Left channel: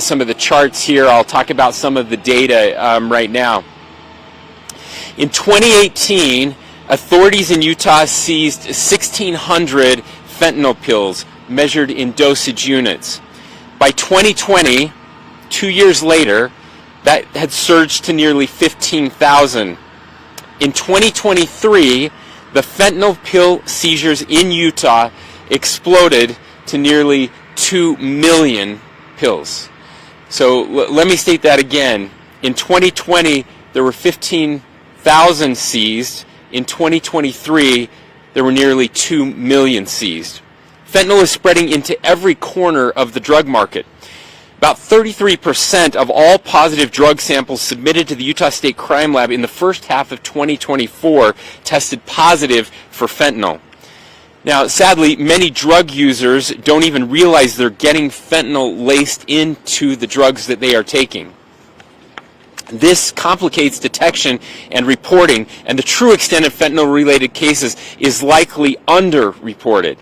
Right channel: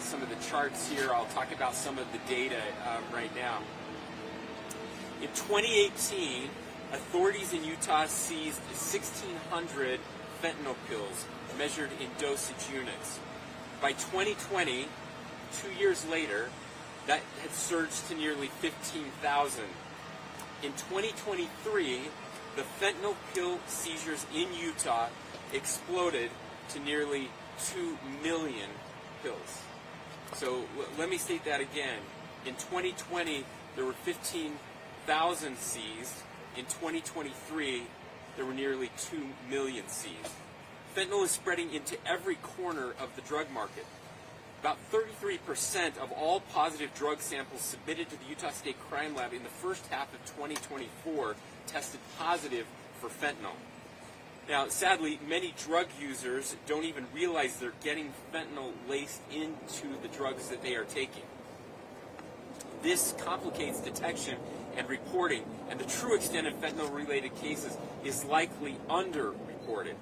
some of the charts here. I'll talk about some of the data right now. In 2018, authorities in Utah seized 1,600 fentanyl pills measured in dosage units. By 2020, 2 years later, that had surged to nearly 15,000. In 2023, the fentanyl pill seizures in Utah exploded to nearly 2 million pills. So let me state that again. In 2020, there were 15,000 seized. In 2023, there were nearly 2 million seized. Fentanyl is spreading into every corner of the drug market. About 33% of all positive drug samples submitted to the Utah State Crime Lab in the first half of 2024 tested positive for fentanyl. Now, sadly, many drug users don't even realize they're getting fentanyl laced into the drugs that they are taking. This complicates detection and reporting, and the true extent of fentanyl-related cases is likely underreported.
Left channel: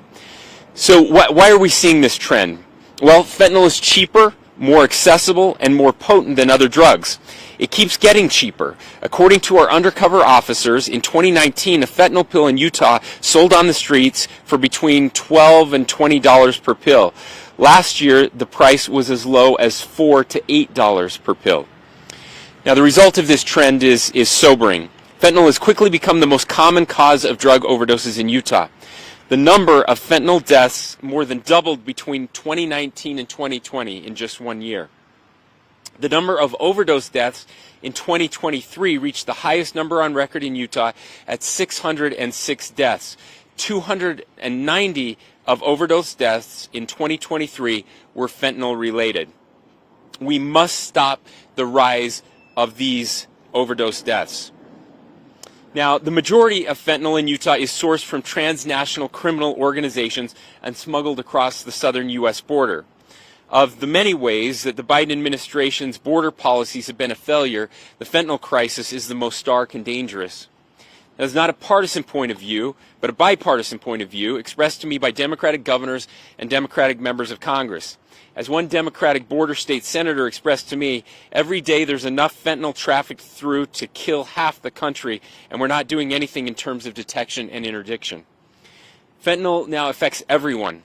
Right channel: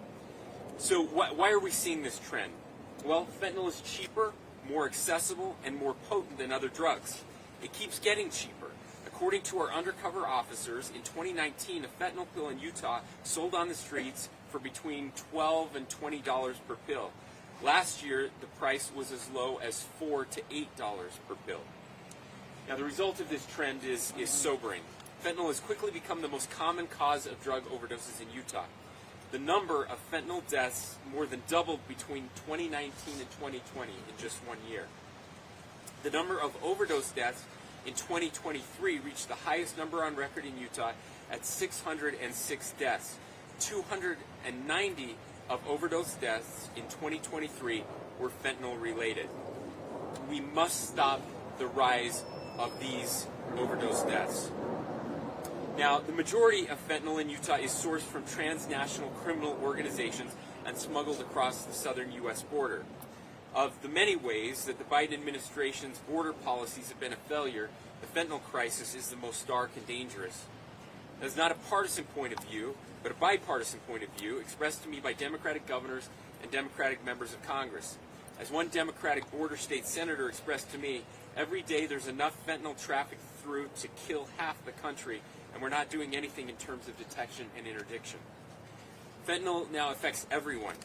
So why are we seeing this trend? Well, fentanyl is cheaper, more accessible, and more potent than other drugs. It keeps getting cheaper. According to our undercover officers, in 2019, a fentanyl pill in Utah sold on the streets for between $12 and $20 per pill. Last year, the price was as low as $4 to $8 per pill. Now, the result of this trend is sobering. Fentanyl has quickly become the most common cause of drug overdoses in Utah. The number of fentanyl deaths more than doubled between 2019 and 2020 in just 1 year. The number of overdose deaths in 2023 reached the highest number on record in Utah at 606 deaths. 290 of overdose deaths in 2023 were fentanyl related. We must stop the rise of these overdose deaths. Now, the majority of fentanyl in Utah is sourced from transnational criminal organizations and smuggled across the southern U.S. border. Of the many ways that the Biden administration's border policies have been a failure, the fentanyl crisis is the most stark and dangerous. That is not a partisan point of view, but a bipartisan point of view expressed to me by Democratic governors and Democratic members of Congress. As one Democratic border state senator expressed to me, every day there's enough fentanyl trafficked through to kill half the country, and we're not doing anything in terms of detection and interdiction. Fentanyl now affects everyone.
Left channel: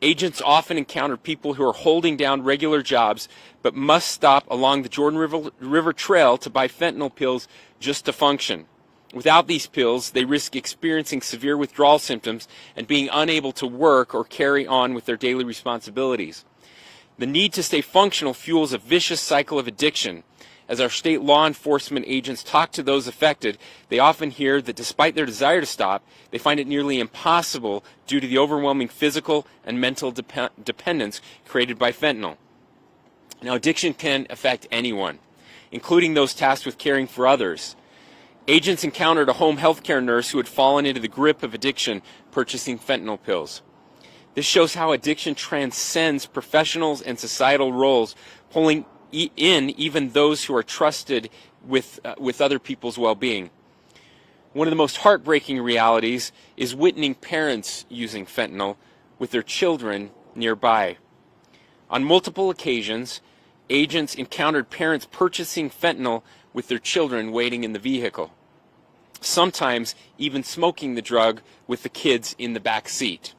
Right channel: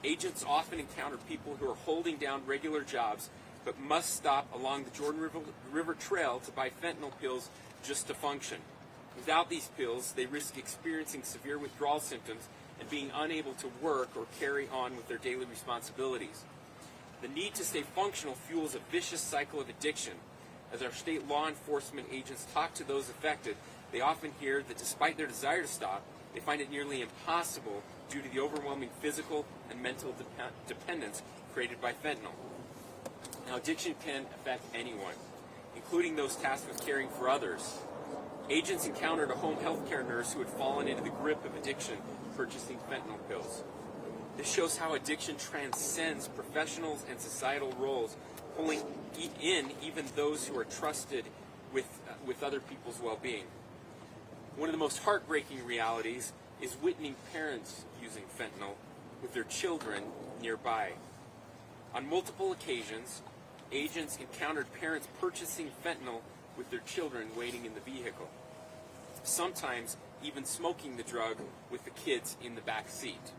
Agents often encounter people who are holding down regular jobs, but must stop along the Jordan River Trail to buy fentanyl pills just to function. Without these pills, they risk experiencing severe withdrawal symptoms and being unable to work or carry on with their daily responsibilities. The need to stay functional fuels a vicious cycle of addiction. As our state law enforcement agents talk to those affected, they often hear that despite their desire to stop, they find it nearly impossible due to the overwhelming physical and mental dependence created by fentanyl. Now, addiction can affect anyone, including those tasked with caring for others. Agents encountered a home health care nurse who had fallen into the grip of addiction purchasing fentanyl pills. This shows how addiction transcends professionals and societal roles, pulling in even those who are trusted with other people's well-being. One of the most heartbreaking realities is witnessing parents using fentanyl with their children nearby. On multiple occasions, agents encountered parents purchasing fentanyl with their children waiting in the vehicle, sometimes even smoking the drug with the kids in the back seat.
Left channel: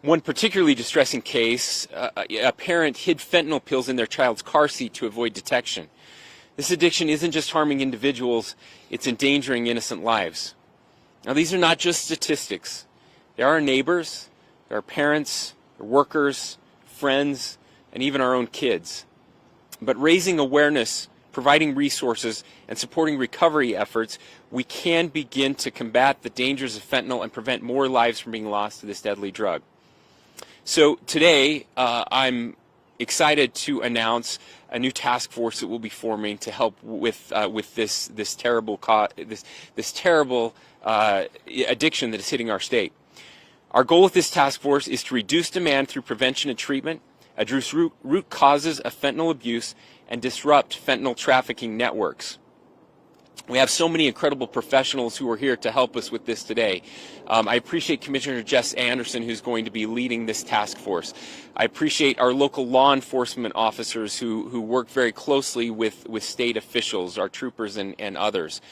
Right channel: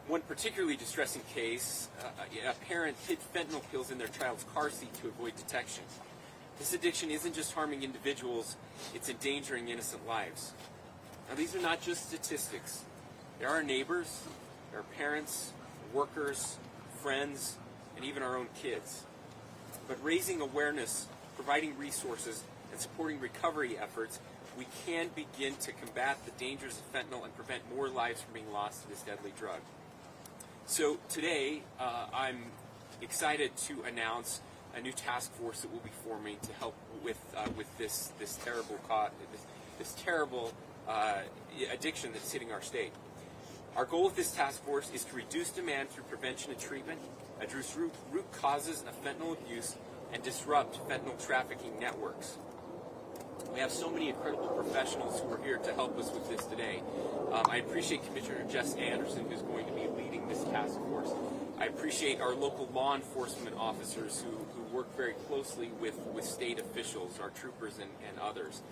One particularly distressing case, a parent hid fentanyl pills in their child's car seat to avoid detection. This addiction isn't just harming individuals, it's endangering innocent lives. Now, these are not just statistics. They are our neighbors, they are parents, workers, friends, and even our own kids. But raising awareness, providing resources, and supporting recovery efforts, we can begin to combat the dangers of fentanyl and prevent more lives from being lost to this deadly drug. So today, I'm excited to announce a new task force that we'll be forming to help with this terrible addiction that is hitting our state. Our goal with this task force is to reduce demand through prevention and treatment, address root causes of fentanyl abuse, and disrupt fentanyl trafficking networks. We have so many incredible professionals who are here to help us with this today. I appreciate Commissioner Jess Anderson, who's going to be leading this task force. I appreciate our local law enforcement officers who work very closely with state officials, our troopers and others.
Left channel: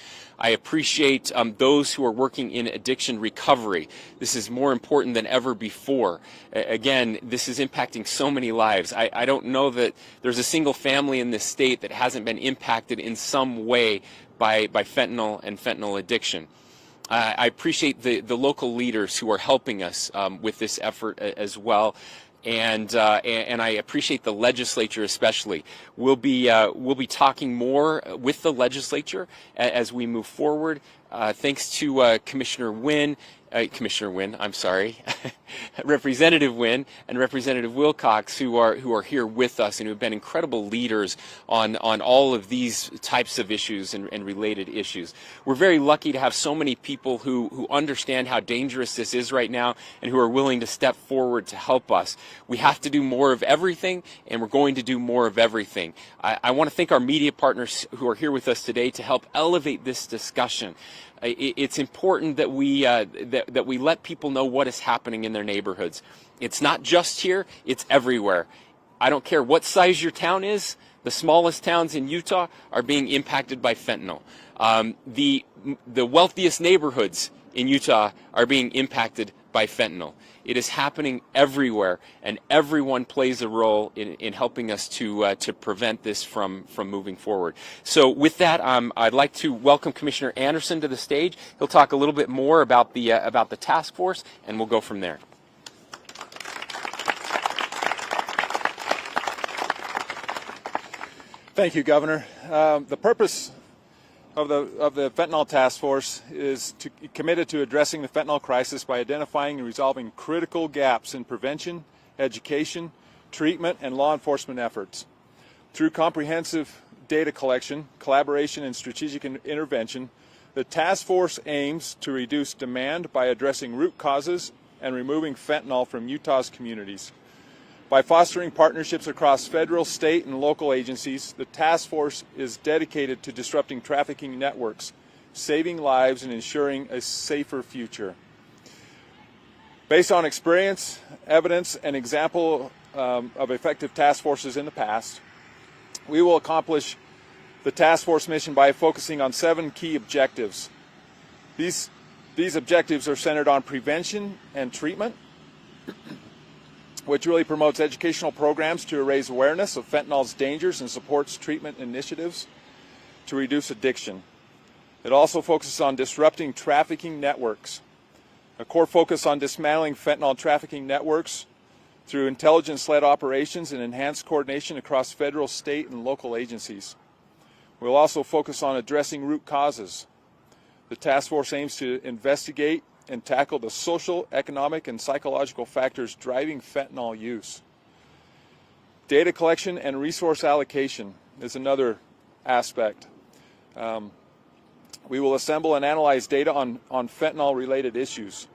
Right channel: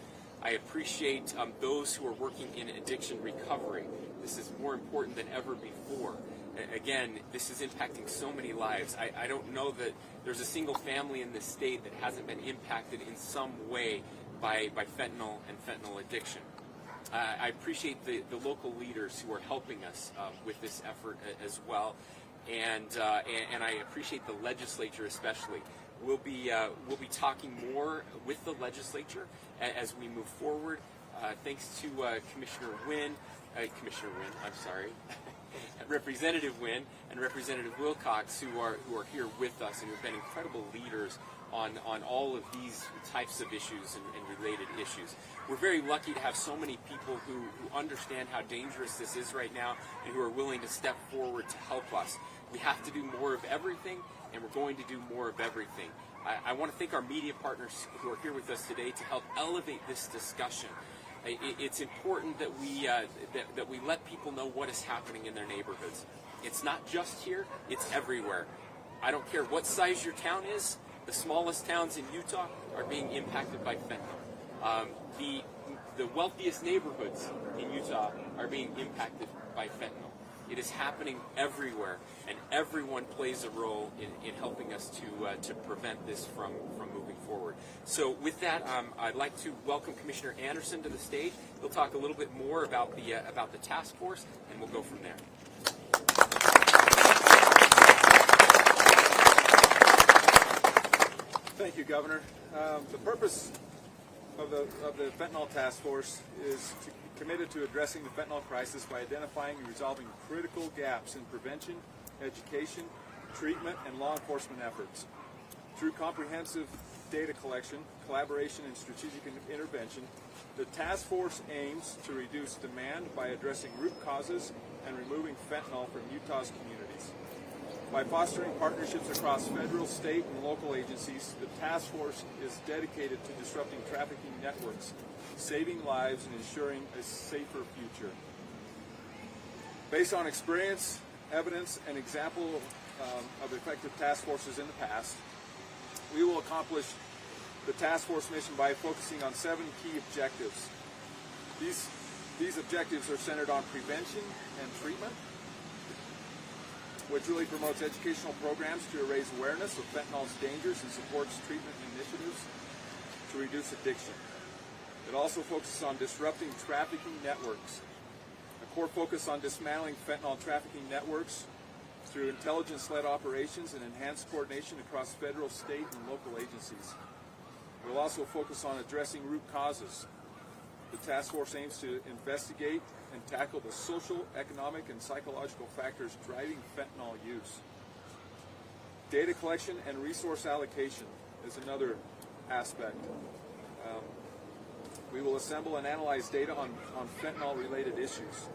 I appreciate those who are working in addiction recovery. This is more important than ever before. Again, this is impacting so many lives. I don't know that there's a single family in this state that hasn't been impacted in some way by fentanyl and fentanyl addiction. I appreciate the local leaders who are helping us with this effort as well. And I appreciate the legislature especially. We'll be talking more with the legislature as we move forward. Thanks to Commissioner Wynn, I'm sorry, Representative Wynn and Representative Wilcox, who are here with us and who have been incredible leaders on all of these types of issues and related issues. We're very lucky to have so many people who understand how dangerous this is right now and who are willing to step forward to help us. We have to do more of everything, and we're going to do more of everything. I want to thank our media partners who are here with us today to help elevate this discussion. It's important that we let people know what is happening in their neighborhoods. It's not just here, it's everywhere. I don't care what size your town is, the smallest towns in Utah are being impacted by fentanyl. The wealthiest neighborhoods in Utah are being impacted by fentanyl. It is happening everywhere, and everyone plays a role in helping us to prevent this from moving forward. So with that, I'd like to welcome Commissioner Anderson to the stage. He'll talk a little bit more about the task force, and we'll go from there. Thank you, Governor. The purpose of the fentanyl task force is committed to addressing the fentanyl crisis by identifying and resolving critical gaps in prevention, education, treatment, and law enforcement efforts. Through comprehensive data collection, collaboration, and strategic intervention, the task force aims to reduce demand by addressing root causes and removing fentanyl from Utah's communities. By fostering partnerships across federal, state, and local agencies, the task force is dedicated to disrupting trafficking networks, saving lives, and ensuring a safer future. Based on experience, evidence, and example of effective task forces in the past, we will accomplish the task force mission by focusing on 7 key objectives. These objectives are centered on prevention and treatment, which really promotes educational programs to raise awareness of fentanyl's dangers and supports treatment initiatives to reduce addiction. It also focuses on disrupting trafficking networks. A core focus on dismantling fentanyl trafficking networks through intelligence-led operations and enhanced coordination across federal, state, and local agencies. We'll also focus on addressing root causes. The task force aims to investigate and tackle the social, economic, and psychological factors driving fentanyl use. Data collection and resource allocation is another aspect. We will assemble and analyze data on fentanyl-related issues.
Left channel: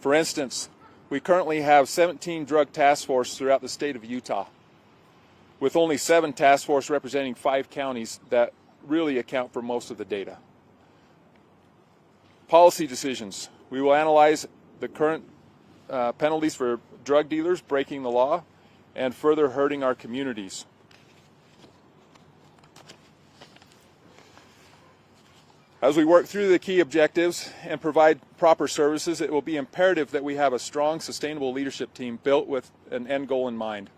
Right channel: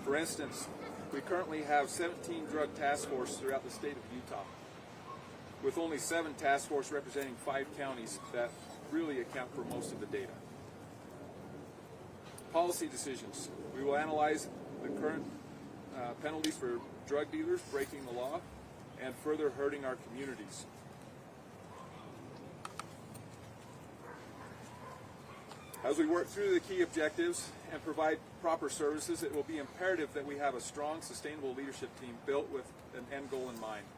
For instance, we currently have 17 drug task forces throughout the state of Utah, with only 7 task forces representing 5 counties that really account for most of the data. Policy decisions. We will analyze the current penalties for drug dealers breaking the law and further hurting our communities. As we work through the key objectives and provide proper services, it will be imperative that we have a strong, sustainable leadership team built with an end goal in mind.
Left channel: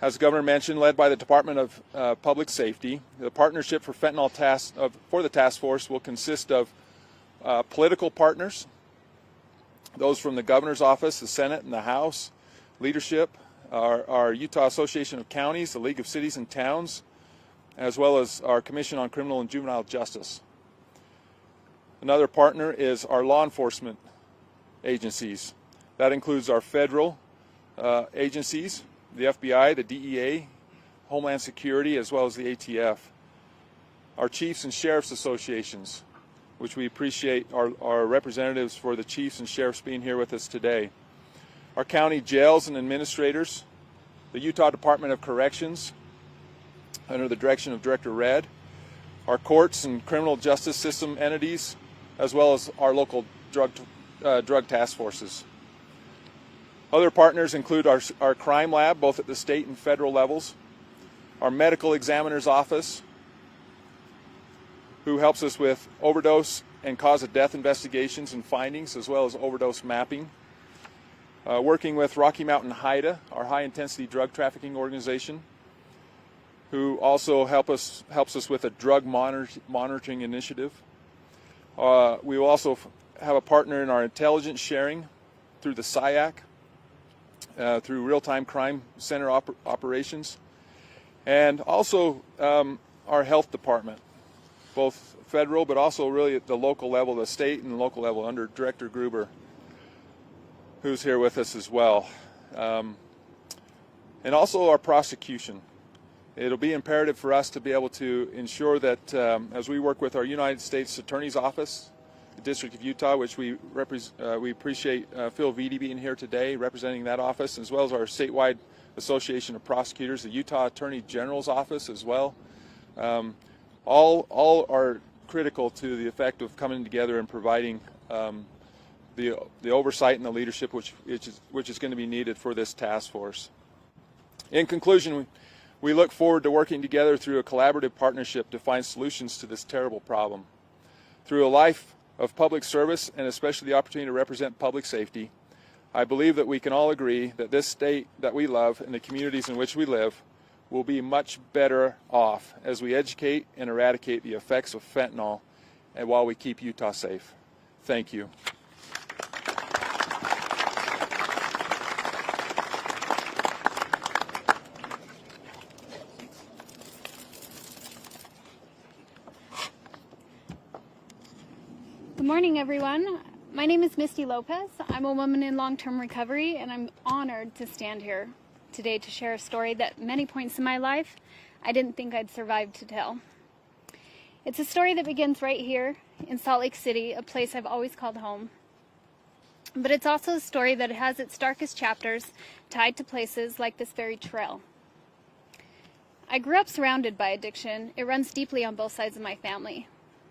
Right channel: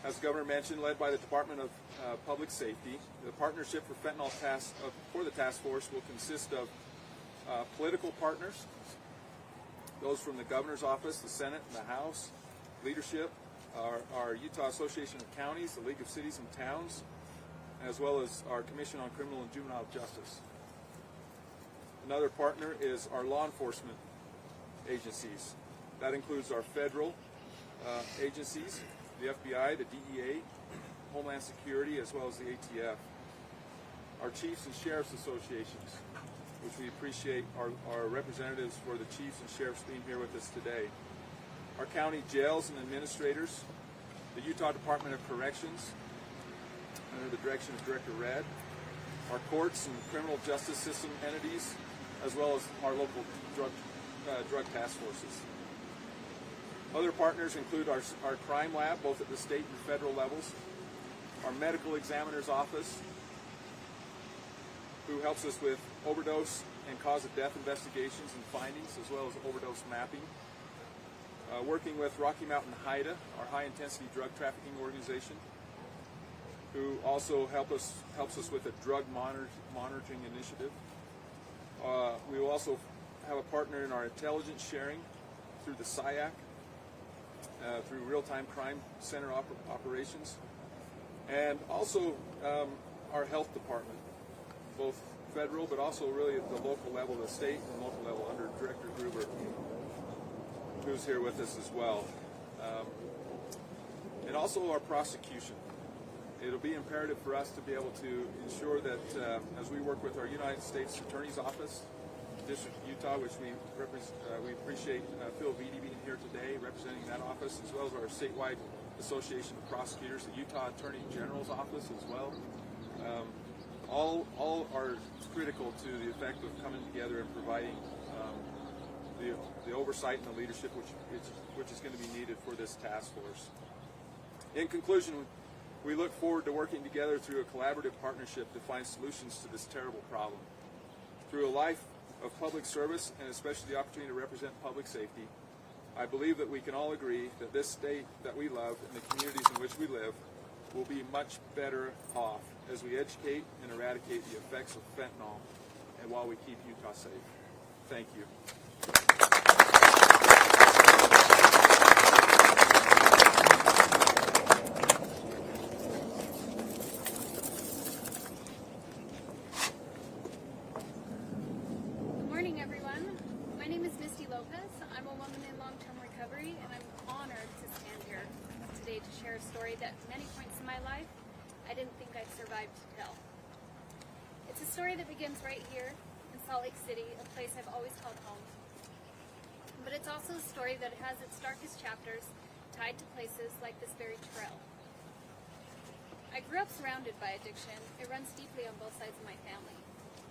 As the Governor mentioned, led by the Department of Public Safety, the partnership for for the task force will consist of political partners, those from the Governor's Office, the Senate, and the House, leadership, our Utah Association of Counties, the League of Cities and Towns, as well as our Commission on Criminal and Juvenile Justice. Another partner is our law enforcement agencies. That includes our federal agencies, the FBI, the DEA, Homeland Security, as well as the ATF. Our chiefs and sheriffs associations, which we appreciate our representatives for the chiefs and sheriffs being here with us today. Our county jails and administrators, the Utah Department of Corrections, under the direction of Director Red, our courts and criminal justice system entities, as well as our local drug task forces. Other partners include our crime lab, both at the state and federal levels, our medical examiner's office, who helps us with overdose and cause of death investigations and findings, as well as overdose mapping. Working with Rocky Mountain HIDA, our high-intensity drug trafficking organization, who also helps us with a drug monitoring initiative. We will also have a partner in our intelligence sharing through the SIAC, through real-time crime center operations, and also our health department, both federal but also really at the local level, the state and the local level under Director Gruber, who's here with us as well. And also our prosecution. It'll be imperative for us to be able to ensure that as we work with our United States Attorney's Office, the District of Utah, which we appreciate Phil Vitti being here today representing that office, as well as our statewide Association of Prosecutors, the Utah Attorney General's Office as well. All are critical to the effect of coming together and providing the oversight and the leadership which is going to be needed for this task force. In conclusion, we look forward to working together through a collaborative partnership to find solutions to this terrible problem. Through a life of public service and especially the opportunity to represent public safety, I believe that we can all agree that this state that we love and the communities in which we live will be much better off as we educate and eradicate the effects of fentanyl and while we keep Utah safe. Thank you. Good morning, everyone. My name is Misty Lopez. I'm a woman in long-term recovery, and I'm honored to stand here today to share a story that at many points in my life I didn't think I'd survive to tell. It's a story that begins right here in Salt Lake City, a place I've always called home. But it's also a story that has its darkest chapters tied to places like this very trail. I grew up surrounded by addiction. It runs deeply on both sides of my family.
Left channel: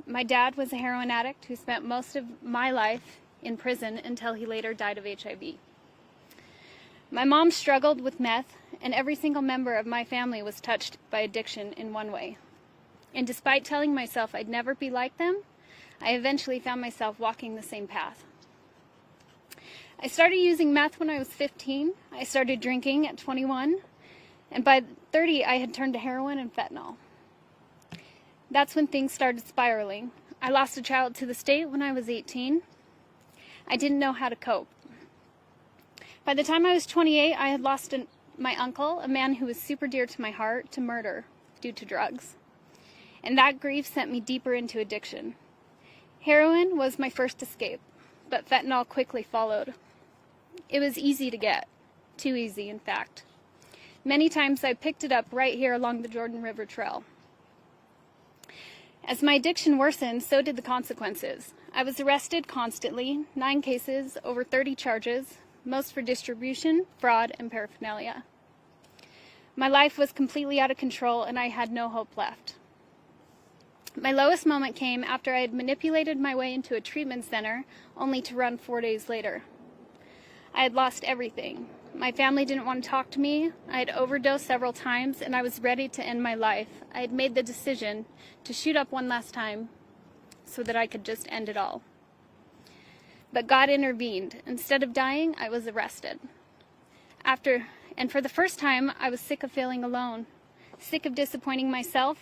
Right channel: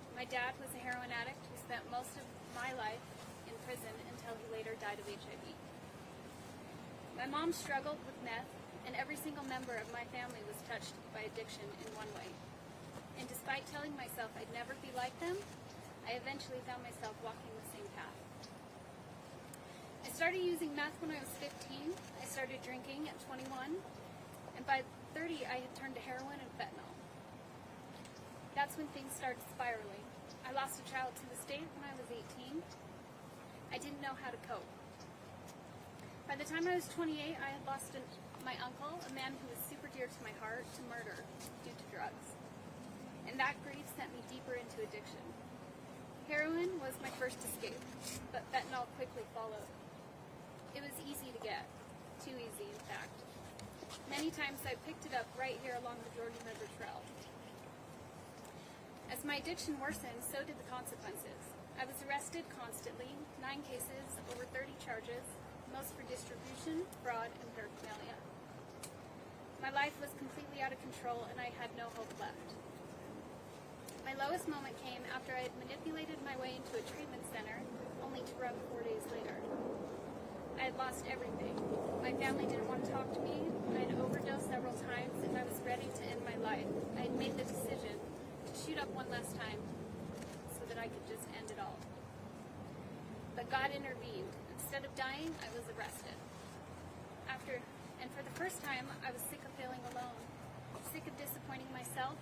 My dad was a heroin addict who spent most of my life in prison until he later died of HIV. My mom struggled with meth, and every single member of my family was touched by addiction in one way. And despite telling myself I'd never be like them, I eventually found myself walking the same path. I started using meth when I was 15. I started drinking at 21. And by 30, I had turned to heroin and fentanyl. That's when things started spiraling. I lost a child to the state when I was 18. I didn't know how to cope. By the time I was 28, I had lost my uncle, a man who was super dear to my heart, to murder due to drugs. And that grief sent me deeper into addiction. Heroin was my first escape, but fentanyl quickly followed. It was easy to get, too easy in fact. Many times I picked it up right here along the Jordan River Trail. As my addiction worsened, so did the consequences. I was arrested constantly, 9 cases, over 30 charges, most for distribution, fraud, and paraphernalia. My life was completely out of control, and I had no hope left. My lowest moment came after I had manipulated my way into a treatment center, only to run 4 days later. I had lost everything. My family didn't want to talk to me. I had overdosed several times, and I was ready to end my life. I had made the decision to shoot up one last time so that I could just end it all. But God intervened. Instead of dying, I was arrested. And for the first time, I was sick of feeling alone, sick of disappointing myself,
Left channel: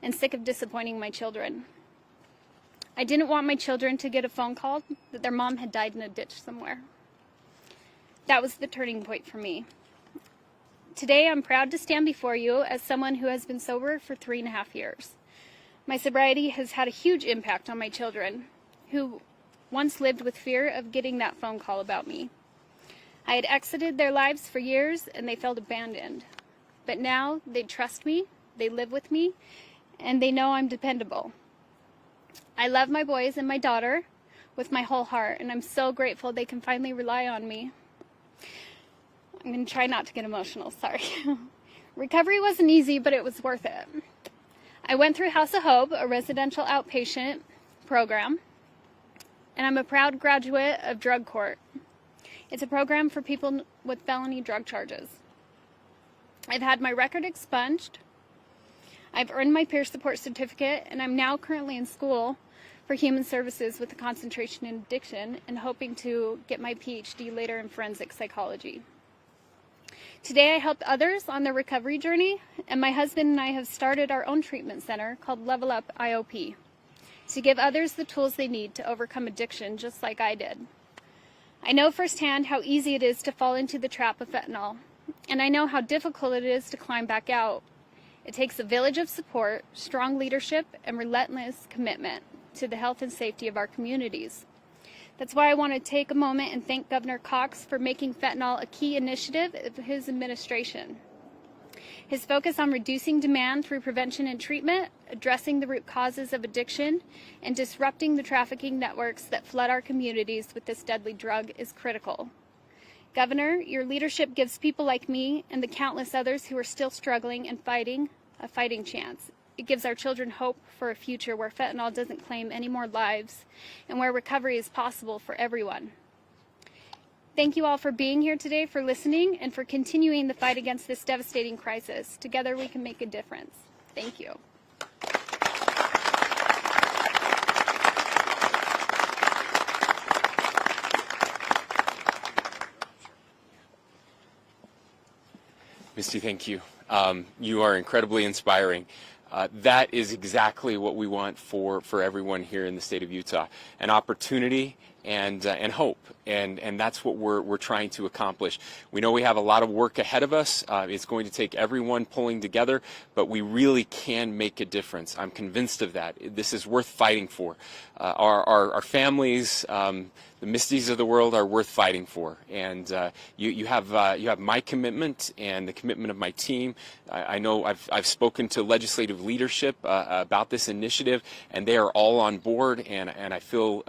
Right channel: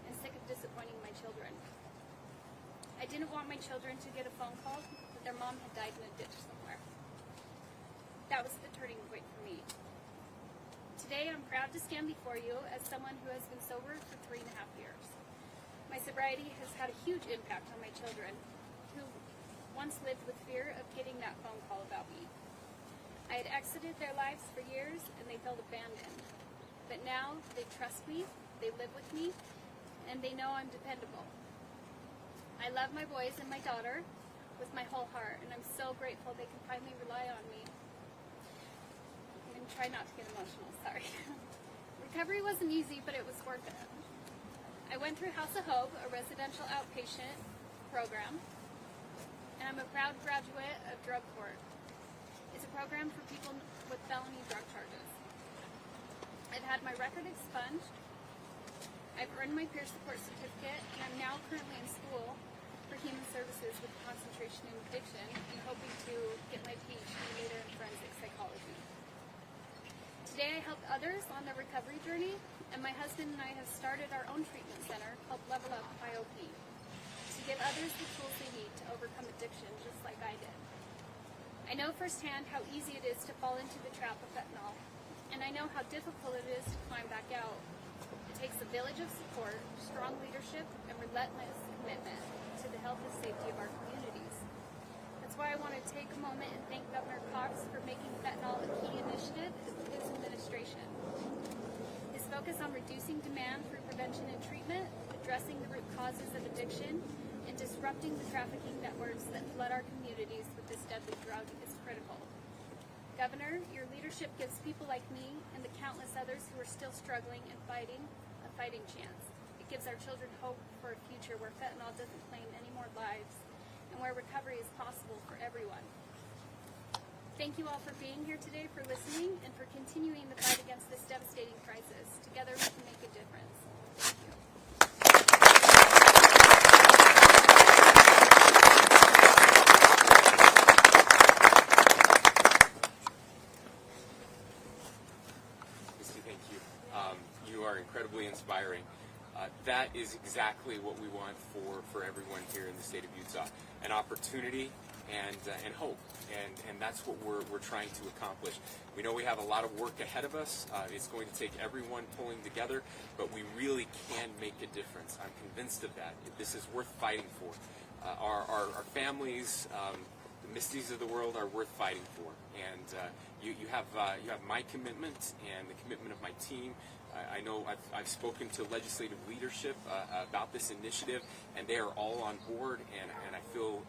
and sick of disappointing my children. I didn't want my children to get a phone call that their mom had died in a ditch somewhere. That was the turning point for me. Today, I'm proud to stand before you as someone who has been sober for 3.5 years. My sobriety has had a huge impact on my children, who once lived with fear of getting that phone call about me. I had exited their lives for years, and they felt abandoned. But now, they trust me, they live with me, and they know I'm dependable. I love my boys and my daughter with my whole heart, and I'm so grateful they can finally rely on me. I'm going to try not to get emotional, sorry. Recovery wasn't easy, but it was worth it. I went through House of Hope, a residential outpatient program, and I'm a proud graduate of Drug Court. It's a program for people with felony drug charges. I've had my record expunged. I've earned my peer support certificate, and I'm now currently in school for human services with a concentration in addiction and hoping to get my PhD later in forensic psychology. Today I help others on their recovery journey, and my husband and I have started our own treatment center called Level Up IOP to give others the tools they need to overcome addiction just like I did. I know firsthand how easy it is to fall into the trap of fentanyl, and I know how difficult it is to climb back out. It takes a village of support, strong leadership, and relentless commitment to the health and safety of our communities. That's why I want to take a moment and thank Governor Cox for making fentanyl a key initiative of his administration. His focus on reducing demand through prevention and treatment, addressing the root causes of addiction, and disrupting the trafficking networks that flood our communities with this deadly drug is critical. Governor, your leadership gives people like me and the countless others who are still struggling and fighting a fighting chance. It gives our children hope for a future where fentanyl doesn't claim any more lives and where recovery is possible for everyone. Thank you all for being here today, for listening, and for continuing the fight against this devastating crisis. Together we can make a difference. Thank you. Misty, thank you. You are incredibly inspiring. That is exactly what we want for everyone here in the state of Utah, an opportunity and hope, and that's what we're trying to accomplish. We know we have a lot of work ahead of us. It's going to take everyone pulling together, but we really can make a difference. I'm convinced of that. This is worth fighting for. Our families, the Misties of the world, are worth fighting for, and you have my commitment and the commitment of my team. I know I've spoken to legislative leadership about this initiative, and they are all on board, and I feel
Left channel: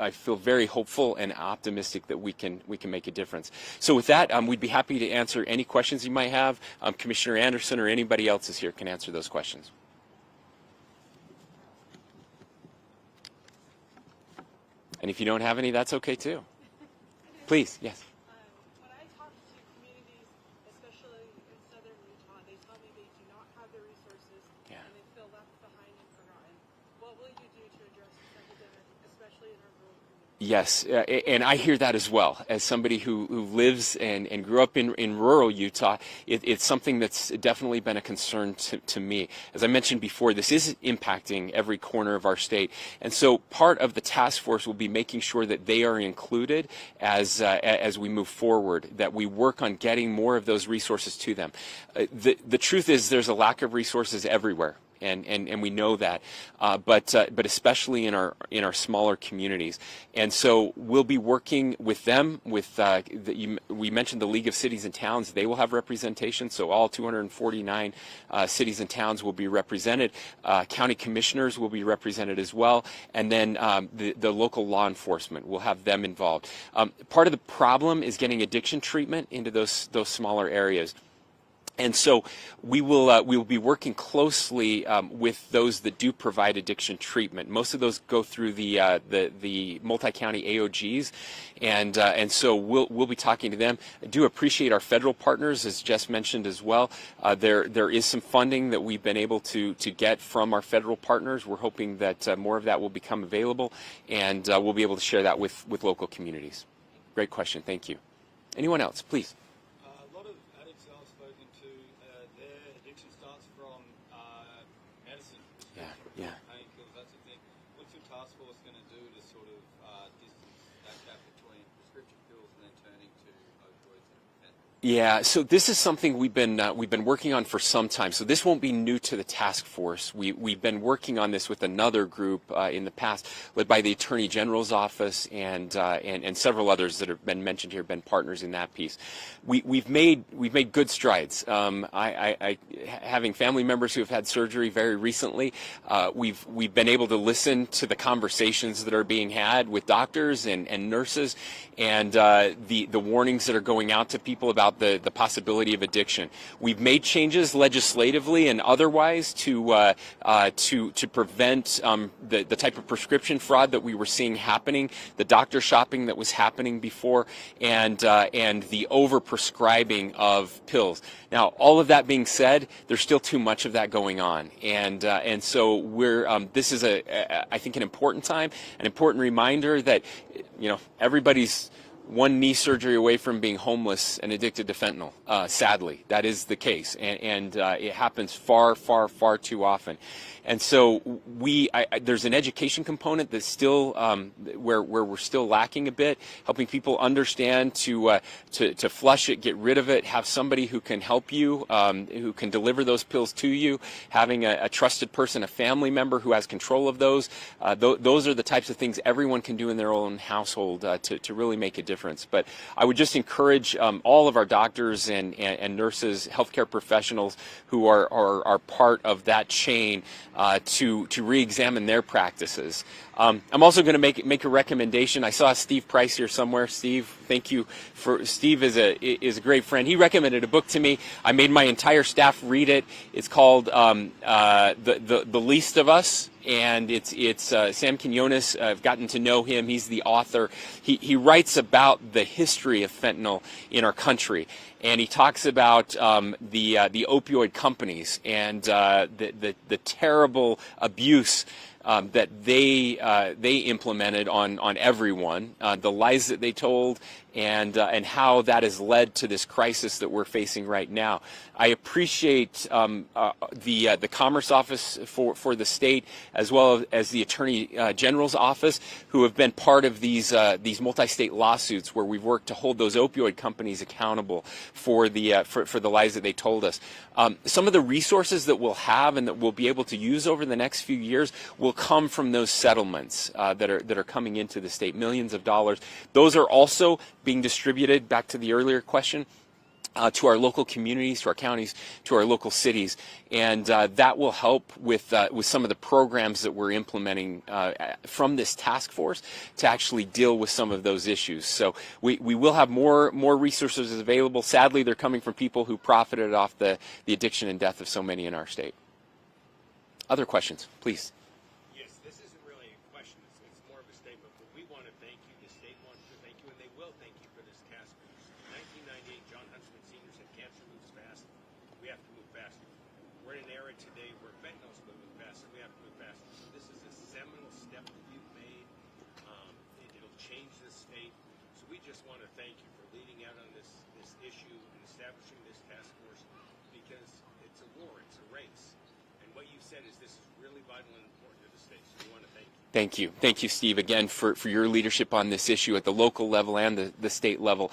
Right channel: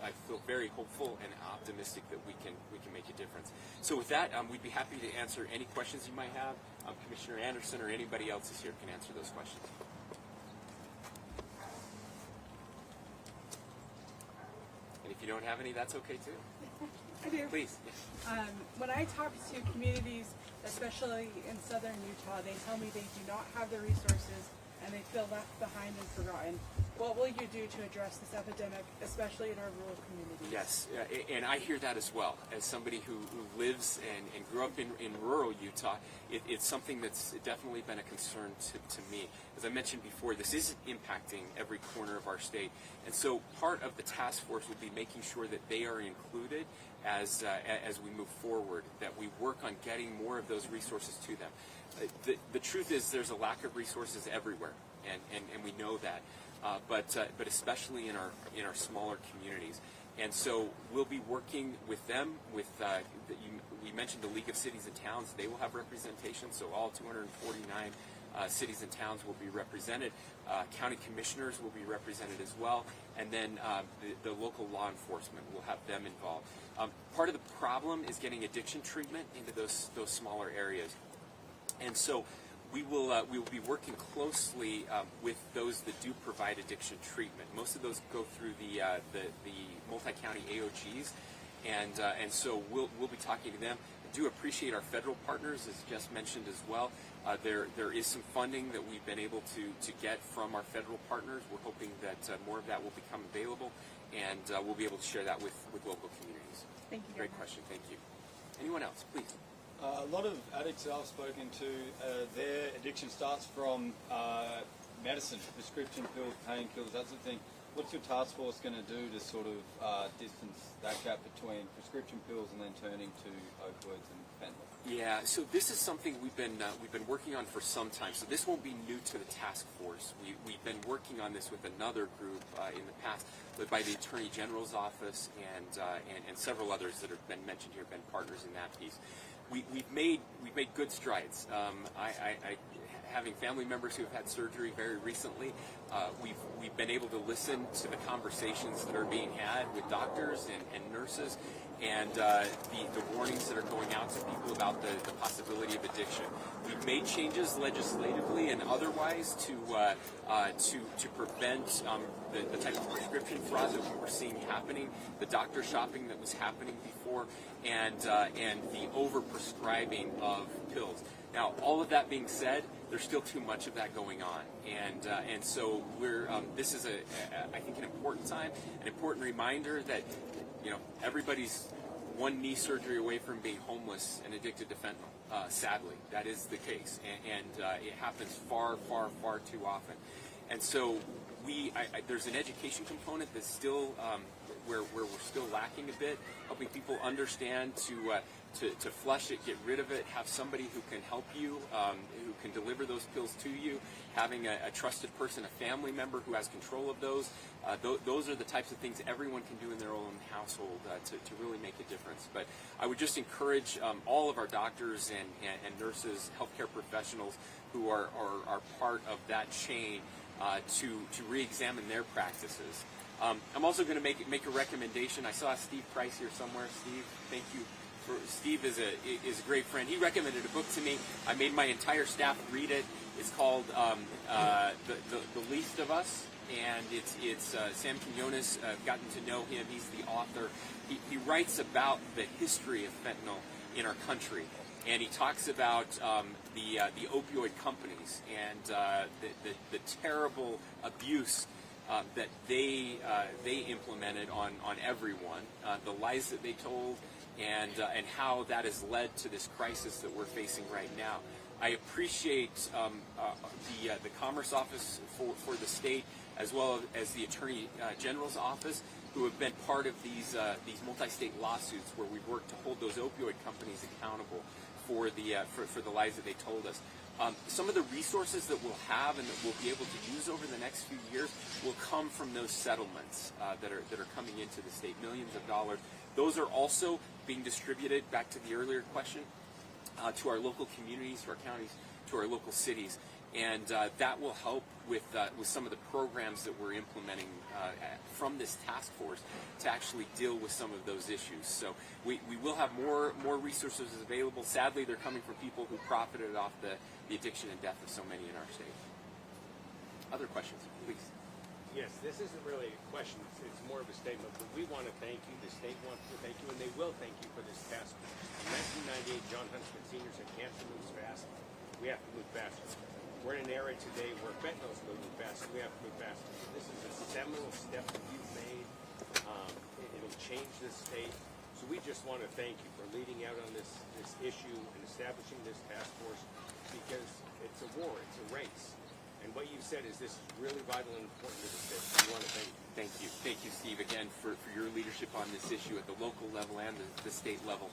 very hopeful and optimistic that we can make a difference. So with that, we'd be happy to answer any questions you might have. Commissioner Anderson or anybody else is here can answer those questions. And if you don't have any, that's okay too. I do. Please, yes. When I talk to communities, especially in southern Utah, they tell me they do not have the resources and they feel left behind and forgotten. What will you do to address this epidemic, especially in our rural communities? Yes, and I hear that as well. As somebody who lives and grew up in rural Utah, it's something that's definitely been a concern to me. As I mentioned before, this is impacting every corner of our state. And so part of the task force will be making sure that they are included as we move forward, that we work on getting more of those resources to them. The truth is there's a lack of resources everywhere. And we know that, but especially in our smaller communities, and so we'll be working with them. We mentioned the League of Cities and Towns; they will have representation. So all 249 cities and towns will be represented. County commissioners will be represented as well, and then the local law enforcement will have them involved. Part of the problem is getting addiction treatment into those smaller areas. And so we will be working closely with those that do provide addiction treatment. Most of those go through the multi-county AOGs, and so we'll be talking to them. I do appreciate our federal partners, as Jess mentioned as well. There is some funding that we've been able to get from our federal partners. We're hoping that more of that will become available, and we'll be able to share that with local communities. Thank you. Great question. Thank you. Anyone else, please? A lot of addicts I've spoken to, their addiction starts from medicine, prescription pills, painkillers, that sort of thing. What's your task force going to do to sort of distance that gap between prescription pills and then turning to opioids and fentanyl? Yeah, so this is something we've been working on for some time. So this won't be new to the task force. We've been working on this with another group in the past, led by the Attorney General's office and several others that have been mentioned here, have been partners in that piece. we've made good strides. Having family members who have had surgery very recently, we've been able to listen to the conversations that are being had with doctors and nurses, and the warnings that are going out to people about the possibility of addiction. We've made changes legislatively and otherwise to prevent the type of prescription fraud that we were seeing happening, the doctor shopping that was happening before, and the overprescribing of pills. Now, all of that being said, there's still too much of that going on, and so we're this is I think an important time, an important reminder that everybody's one knee surgery away from being homeless and addicted to fentanyl. Sadly, that is the case, and it happens far too often. And so there's an education component that's still where we're still lacking a bit, helping people understand to flush it, get rid of it, have somebody who can help you, who can deliver those pills to you, having a trusted person, a family member who has control of those. Those are the types of things everyone can do in their own household to really make a difference. But I would just encourage all of our doctors and nurses, healthcare professionals who are part of that chain to re-examine their practices. I'm also going to make a recommendation. I saw Steve Price here somewhere. Steve, thank you. Steve is a great friend. He recommended a book to me. I made my entire staff read it. It's called The Least of Us, and it's Sam Quinones. I've gotten to know him. He's the author. He writes about the history of fentanyl in our country. And he talks about the opioid companies and the terrible abuse that they implemented on everyone, the lies that they told, and how that has led to this crisis that we're facing right now. I appreciate the Commerce Office for the state, as well as the Attorney General's office, who have been part of these multi-state lawsuits where we've worked to hold those opioid companies accountable for the lies that they told us. Some of the resources that we'll have and that we'll be able to use over the next few years will come from those settlements that are coming into the state, millions of dollars. Those are also being distributed, back to the earlier question, to our local communities, to our counties, to our local cities, and that will help with some of the programs that we're implementing from this task force to actually deal with some of those issues. So we will have more resources available. Sadly, they're coming from people who profited off the addiction and death of so many in our state. Other questions, please. Yes, this isn't really a question. It's more of a statement. But we want to thank you. The state wants to thank you, and they will thank you for this task force. In 1998, John Huntsman Sr. said, "Cancer moves fast. We have to move faster." We're in an era today where fentanyl is moving fast. We have to move faster. This is a seminal step that you've made. It'll change this state. So we just want to thank you for leading out on this issue and establishing this task force, because it's a war. It's a race. And what you said is this is really vital and important to the state. We want to thank you. Thank you. Thank you, Steve, again, for your leadership on this issue at the local level and the state level.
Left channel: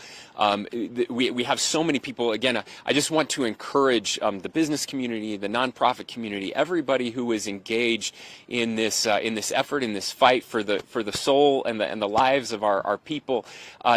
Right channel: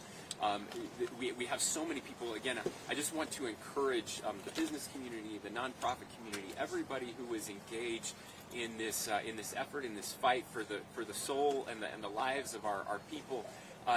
We have so many people. Again, I just want to encourage the business community, the nonprofit community, everybody who is engaged in this effort, in this fight for the soul and the lives of our people,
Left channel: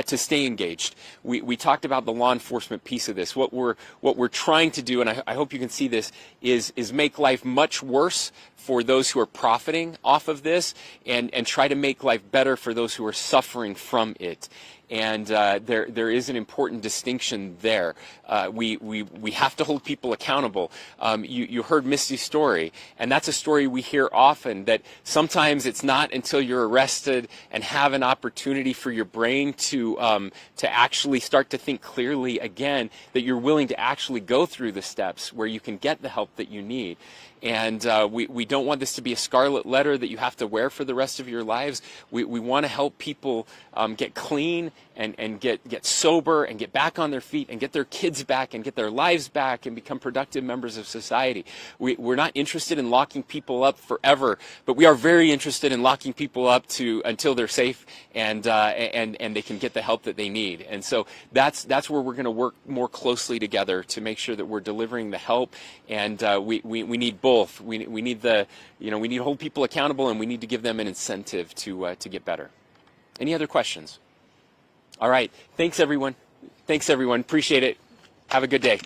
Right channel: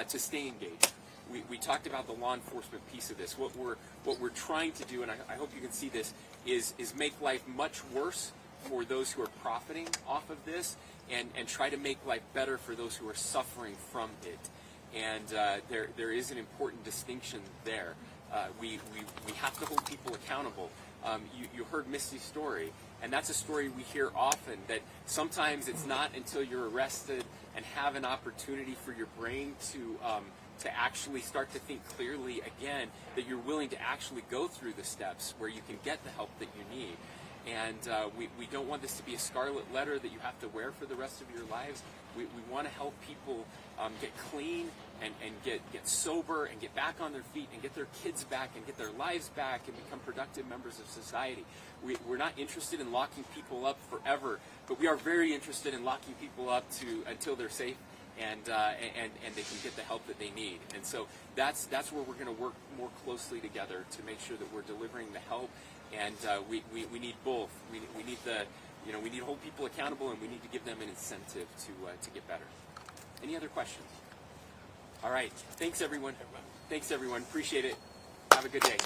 to stay engaged. We talked about the law enforcement piece of this. What we're trying to do, and I hope you can see this, is make life much worse for those who are profiting off of this, and try to make life better for those who are suffering from it. And there is an important distinction there. We have to hold people accountable. You heard Misty's story, and that's a story we hear often, that sometimes it's not until you're arrested and have an opportunity for your brain to actually start to think clearly again that you're willing to actually go through the steps where you can get the help that you need. And we don't want this to be a scarlet letter that you have to wear for the rest of your lives. We want to help people get clean and get sober and get back on their feet and get their kids back and get their lives back and become productive members of society. We're not interested in locking people up forever, but we are very interested in locking people up until they're safe and they can get the help that they need. And so that's where we're going to work more closely together to make sure that we're delivering the help. And we need both. We need we need to hold people accountable, and we need to give them an incentive to get better. Any other questions? All right. Thanks, everyone. Thanks, everyone. Appreciate it. Have a good day.